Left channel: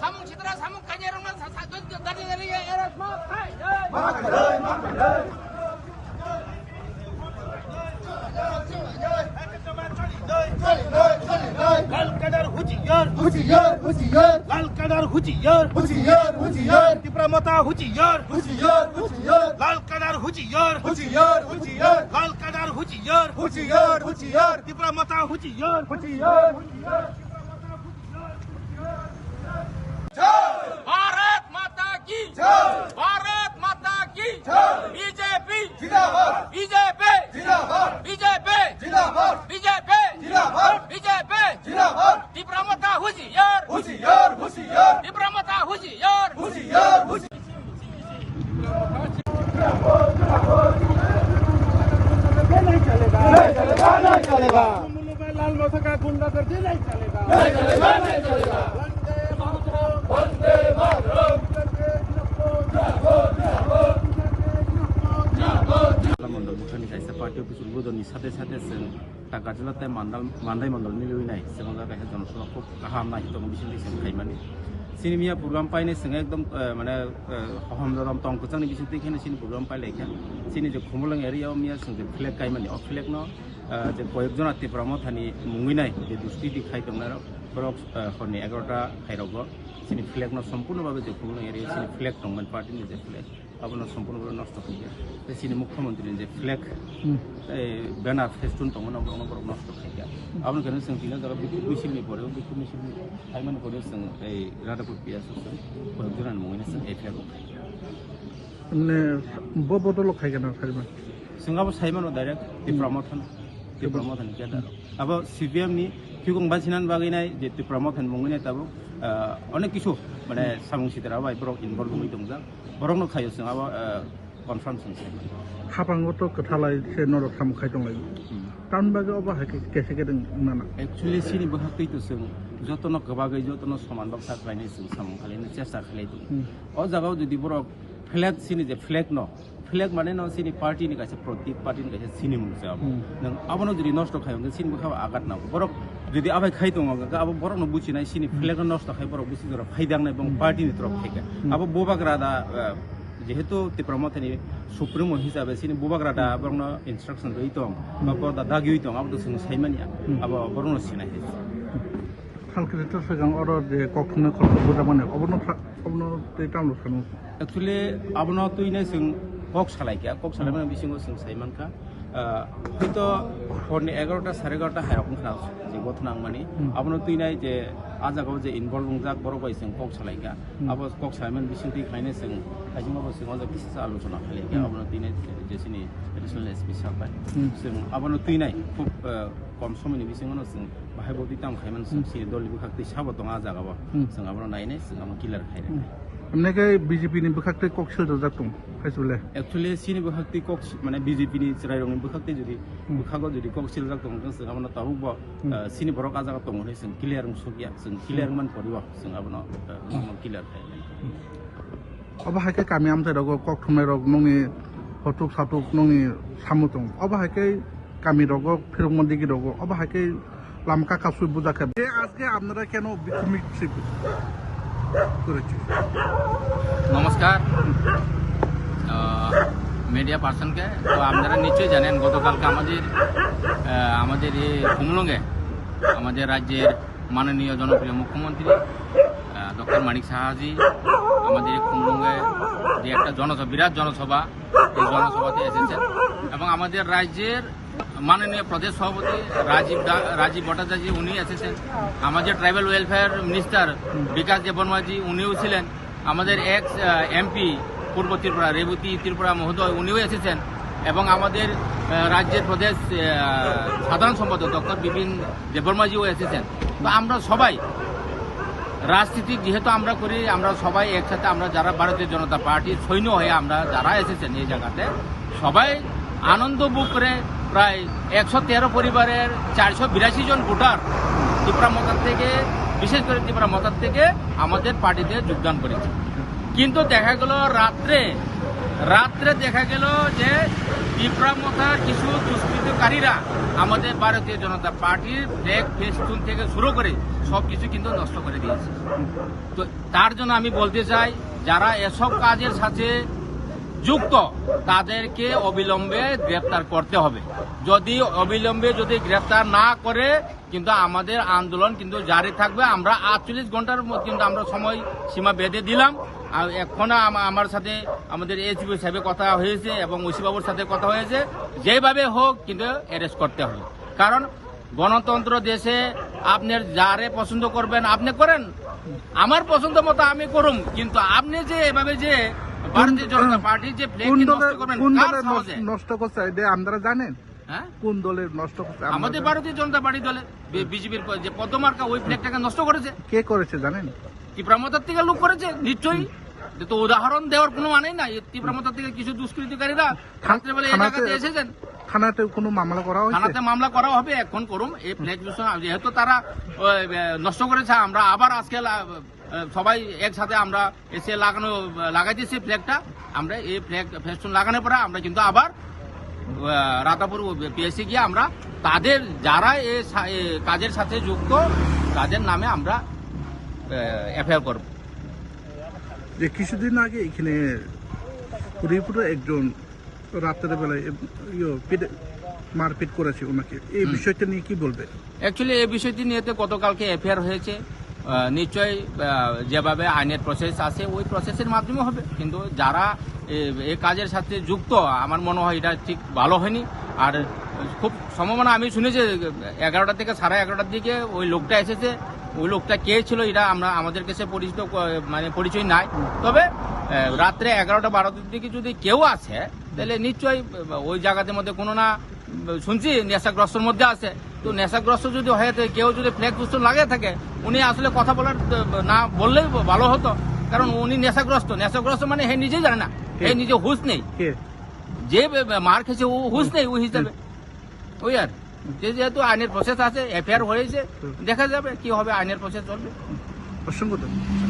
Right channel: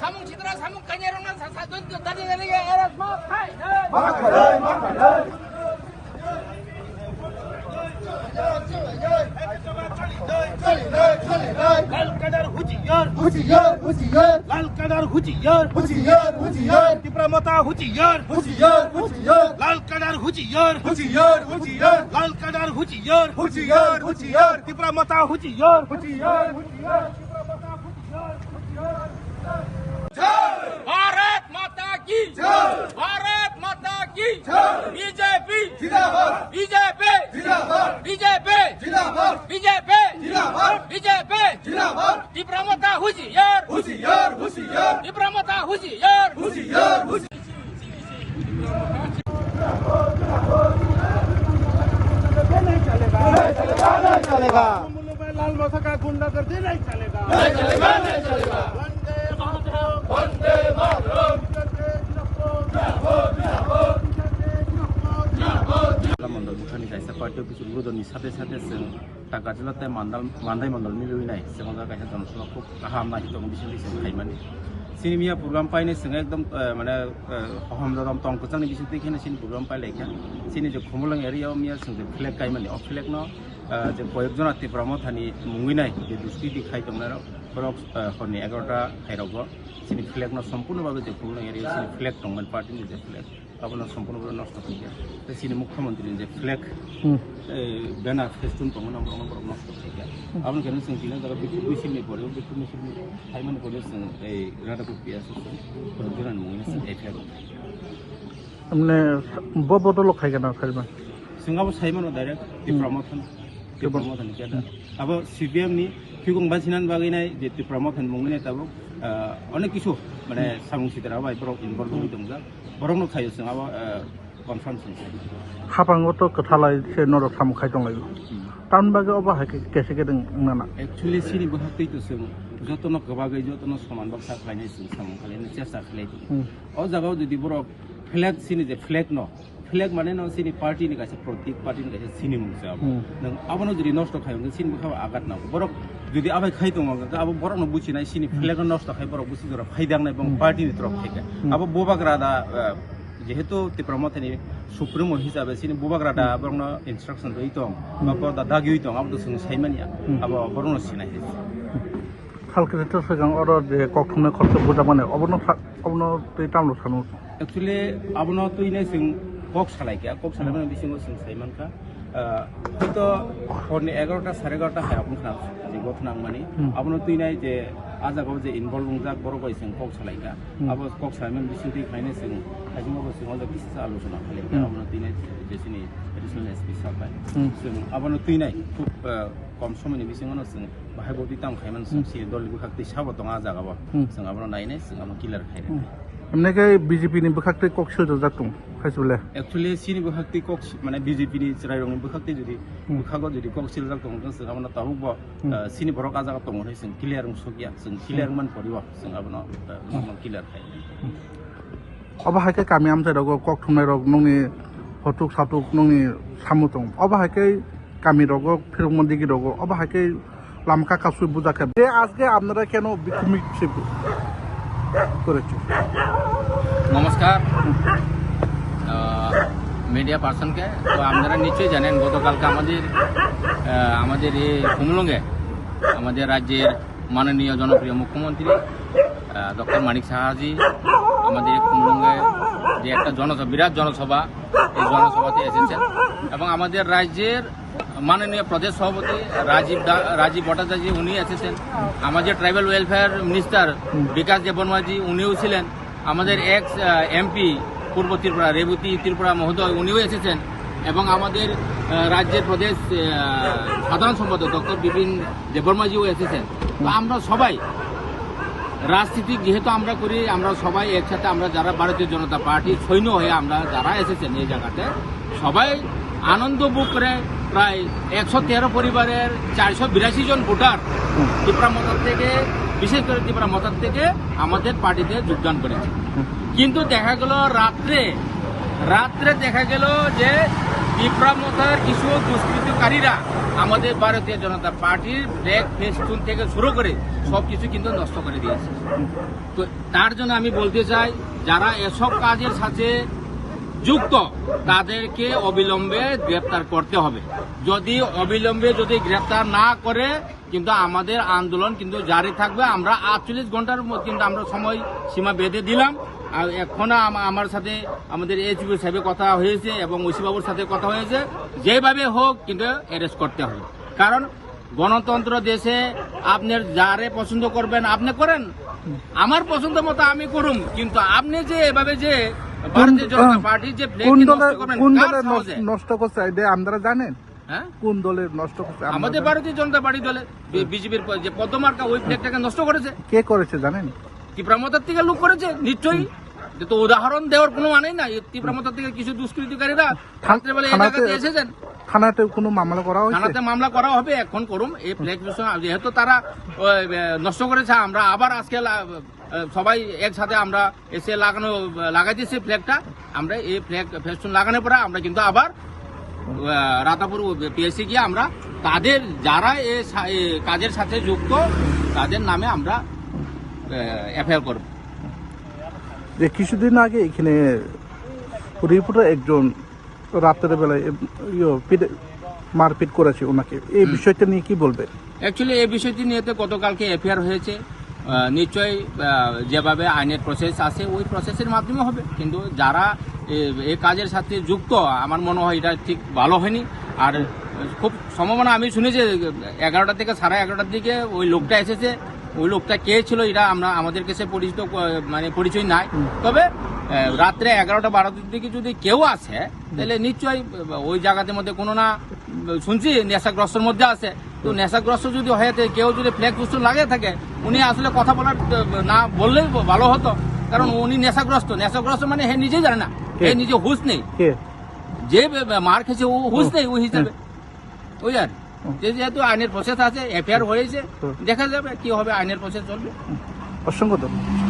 사몽 치더라 사몽 가냐랑나 사돈 다리다리게 에라스 뭐 लाल कदर हुजियर हुजियर हुजियर लाल कदर हुजियर हुजियर हुजियर तिप्रामता हुजियर हुजियर हुजियर लाल कदर हुजियर हुजियर हुजियर लाल कदर हुजियर हुजियर हुजियर तिप्रामता हुजियर हुजियर हुजियर भारत माता की भारत माता की BJP BJP BJP BJP BJP Tipra Motha हुजियर हुजियर हुजियर तिप्रामता हुजियर हुजियर नहीं चलेगा लाल माथा का गुंडा करते नहीं चलेगा नहीं चलेगा नहीं चलेगा वंदे मातरम मण्डल भुटाननि कायसा पार्टी अफिस उद्बोधननि साथे साथे जों गाज्रिलाताय मान्दाय मण्डलनि लुबैनाय जों कायसा जनसभा खुब गाहाम नायदों बिसोरनि जों खायमानि सिनिमिया प्रग्राम पाइने जों एकदम माने अहम दरम तंकचांनि बिसोर देखिने सिनि प्रग्राम पाइलायखा सिनि जे खुमलंग एरियायाव मिया जों जे फ्लेग कायमानि अ फ्लेग न जे कयेकजना तिप्रामथानि मुंगिनाय जे दुस्ति दिखाय दंनाराव बरक हरनि 11टा हायरावबो सिनि फ्लेग न सम्पूर्णभावे जे खुमलंग एरिया सिनि फ्लेग दंमोन पार्टीनि जे फ्लेग आपनो सम्पूर्णभावे नष्ट खायगा बे सिनि मुख्यमंत्रीनि जे फ्लेग बैनार फेस्टुन दंमोन आपनो बरक नष्ट खायगा आपनो केन जों दिना जागा बिसिनि परेव बिखुनि सिनि हायमान परेव जों ए रादापुर पियास जों बरजरानि मुंगिना जों एफिआर हमने बदल खायगा ना खायमान जोंहाबो सायमान डाइरेक्ट तिप्रामथन केदा अब सीपीएम नि फिगं बासिनान बागैनाय जे तिप्रामथन मुंगिनाय ताबो अनेक किछु माने सामुं सिदारा बाय बरक इनभल्व होई दंजा बरक न खायो जोंहाबो कनफार्म जों हाबांगोथ कथालाय से नरक सामुं खाय दंलाय टाउन बागे अबा हाके केसे गेदों नाना एक्चुअली सिनि बहातैतो जों जतन गबागै जतन समान बाक्सा खालायनाय जों सामुं खालायनो चेष्टा खालायदों अ जागाव जुदि बरक फ्लेग सिनि जे फ्लेग न फ्लेग माने न सिनि पार्टीनि गासे प्रतीक पार्टीनि गासे सिनि मुंसा नों आबनो जुदि नष्ट खायो सिनि बखा आगात ना बरक जुदि आबाय खाय दङ अब बरक न बुचिनाय सिनि फ्लेग नष्ट खाय बरक बुचि जरा फायदांनाय बं पार्टीनि तरफ থেকে अब बोबाग्रादा जेहेतु तिप्रामथानि सुप्रिमो हिसाबै सिनि बोबाग्रादा बरन इन्स्ट्रक्शन रही दं बरदा दागि दं अब जों सायमानिया अब बरन सिनाय खालकेटर सगां अर जे कखुमने खर्च बुजा माने अबनो ते टाउन सानु एक्चुअली अबनो तुइने जों कक सालायका कक सालायनानै बिसिङाव जों सायमानखा हयতো हरनि 11टा 11:30 हायावखा जे गथनां माने अबनो तुइनाय जे आजागाव जे इनभल्व जाक बरबाय जों कक सालायका अब कक सालायमान बिसिं तुइखायनो जों खायजोंबाबो जों जा बिसिस आलोचना खालायका अबनो तुइनाय जेसिनि एडिशनल एसपि साबाय जों अबनो तुइनाय खुब कम समयनि बिसिङावनो जों बाहाय बदि ताम खायमान सि दलनि खाक्ति साबो दङ आजागाव जों अबनो नायनाय जों अबनो किलार खायरे हमने के बीजेपी नि बखाक्ते कक सिल जातुं खायसुले एक्चुअली सिनि बखाक्ति कक माने बीजेपी नि रायरंनि बखाक्ति जुदि बखागो जुदि कक सिल जातुं जों अबनो ताबुबो सिनि बरक आजागा दङ होय जों क्लियर सकिया जों क्लियर मान परिबो जों अबनो क्लियर खायरे अबा हाके कामी आमसे रग कक थुमनाय रग नंनि हटुक साटुक नंनि सामुतुं अबा हाके कामी रग फिरमन्दी की रग अबा हाके लामका कासु बुजाके जे আজকে আপনারা কেন বিক্ষোভ করেছেন নমস্কার মিডিয়া পার্সনকে তো আপনারা নিশ্চয়ই জানেন গতকালকে আমাদের এই খুমলুঙে আমাদের রাজ্যের মাননীয় জনপ্রিয় মুখ্যমন্ত্রী ডক্টর মানিক সাহাজি আমাদের খুমলুঙে যে একটা বিরাট জনসভা এই জনসভাতে এসেছেন এবং আমাদের রাজ্যের মাননীয় প্রদেশ সভাপতি রাজীব ভট্টাচার্য উনি এসেছেন আমাদের ট্রাইবাল ওয়েলফেয়ার মিনিস্টার বিকাশ দেববর্মাজি উনিও ছিলেন আমাদের এক্স এমপি পূর্ব ত্রিপুরা রেবতী ত্রিপুরা মহোদয় উনিও এসেছেন এবং আমাদের রাজ্যের প্রদেশ সাধারণ সম্পাদক ডক্টর বিপিন দেববর্মাজিও এসেছেন তো আমরা সবাই রাজনীতি যেহেতু আমরা করি আমরা সবাই একসাথে আমরা যারা ভারতীয় জনতা পার্টির সৈন্য হয়ে আমরা যারা এসেছেন এই জায়গাতে সবাই আনন্দ বুক করে প্রায় 113 পরিবারের 482 জন ভোটার ত্রিপুরা মতার থেকে বিশেষ করে ত্রিপুরা মতার থেকে আমাদের পার্টিতে যোগদান করেছে কিন্তু দেখা গেল রাত্রে দেখা গেল যে ত্রিপুরা মতার কিছু দুষ্কৃতকারীরা আমাদের ভারতীয় জনতা পার্টির ব্যাগ ফেস্টুন থেকে শুরু করে সবকিছু কিন্তু নষ্ট করে দিয়েছে তো তার জন্য আমি বলতে চাই যারা এসব কাজের সাথে যুক্ত তাদেরকে অবিলম্বে গ্রেপ্তার করতে হবে। যদি অবিলম্বে যদি গ্রেপ্তার না করে কিন্তু আমাদের আন্দোলন কিন্তু জারি থাকবে। আমরা 48 ঘন্টার কিন্তু আমরা সময় সীমা বেঁধে দিলাম। আর এখন আমার সাথে আমাদের এসপি সাহেবের কথা হয়েছে এবং ওসি বাবুর সাথে কথা হয়েছে, যেভাবে হোক কিন্তু অ্যারেস্ট করতে হবে। কারণ গণতন্ত্র দেশে আপনার যারে পছন্দ করবেন আপনি করেন, আমার পছন্দ মতো আমি করুম, কিন্তু আপনি যে এভাবে যে ভারতীয় জনতা পার্টি যে flag কোন কে দলের নষ্ট করবেন, কোন কার দলের সাহসে? নষ্ট করছে এটা আপনারা জানেন? হ্যাঁ? কোন দলের নষ্ট করছে আপনারা আমাদের জানেন? ভারতীয় জনতা পার্টি দলে বিজেপির যে পদ্মমার্কা ওই ফ্ল্যাগটাকে নষ্ট করেছে। কে করেছে জানেন? তীব্রামতার থেকে লোক করেছে নিশ্চয়ই। তো উদাহরণ দেওয়ার কোনো মানেই নাই। তীব্রামতার থেকে কিছু দুষ্কৃতিকারীরা রাত্রেবেলা এই জায়গাতে এসেছেন। থানাতে কোনো মামলা করা হয়েছে? থানাতে মামলা করা হবে, এখন করুম। এই ফ্ল্যাগ যেহেতু তারা নষ্ট করেছে, আমরা আবার আজকে সবাই একসাথে আমরা এসে লাগাইতেছি ফ্ল্যাগটা। আমরা এই ফ্ল্যাগ ফেস্টুন লাগানোর পরে আমরা কিন্তু আবার রাতাপুর পিএসসি গিয়ে আমরা তাদের যারা এই কাজের সাথে যুক্ত তাদের নামে আমরা এফআইআর করব। যে কিছুদিন আগে এখানে হরিপুরে একজন রাতের বেলায় মারপিট করেছে ওনাকে, এই বিষয়টা নিয়ে কি বলবে? অ্যাকচুয়ালি এই বিষয়টি নিয়ে তো গতকালকে এফআইআর হয়েছে। নিশ্চয়ই যেভাবে আইনের প্রসেস আছে ওই প্রসেসের মাধ্যমে হবে, কিন্তু যারা এই কাজের সাথে যুক্ত আমার মনে হয় এটা ঠিক ভালো হয়নি। আর খুব সম্ভাবনা আমি শুনেছি 11টা থেকে 11:30টার দিকে ওই লোকটা এসেছে। ওই লোকটা কে ছিল এটা আমাদের কাছে পরিচয় নাই। তবে রাত্রে 11টা-12টার দিকে যদি কেউ আসে তাহলে নিশ্চয়ই ওই জায়গাতে মধ্যে কোনো না শুনছি নেশাগ্রস্তর মধ্যে আছে। তো নেশাগ্রস্ত যদি হয়ে থাকে, কেউ যদি ফ্ল্যাগ ফেস্টুন লাগিয়ে থাকে, উনি আসলে কথা বলার না বললেই ভালো হতো। কারণ উনি নেশাগ্রস্ত মানে হে নিজেই জানে না, হে নিজে হুঁশ নেই। যে মার খেয়েছে ও হুঁশ নেই ওই হিসাবে। ওই আর যেহেতু আইনের প্রসেস আছে, এফআইআর হয়েছে, দেখা যাবে কি হবে, আইনের প্রসেস চলবে। অসংখ্য ধন্যবাদ।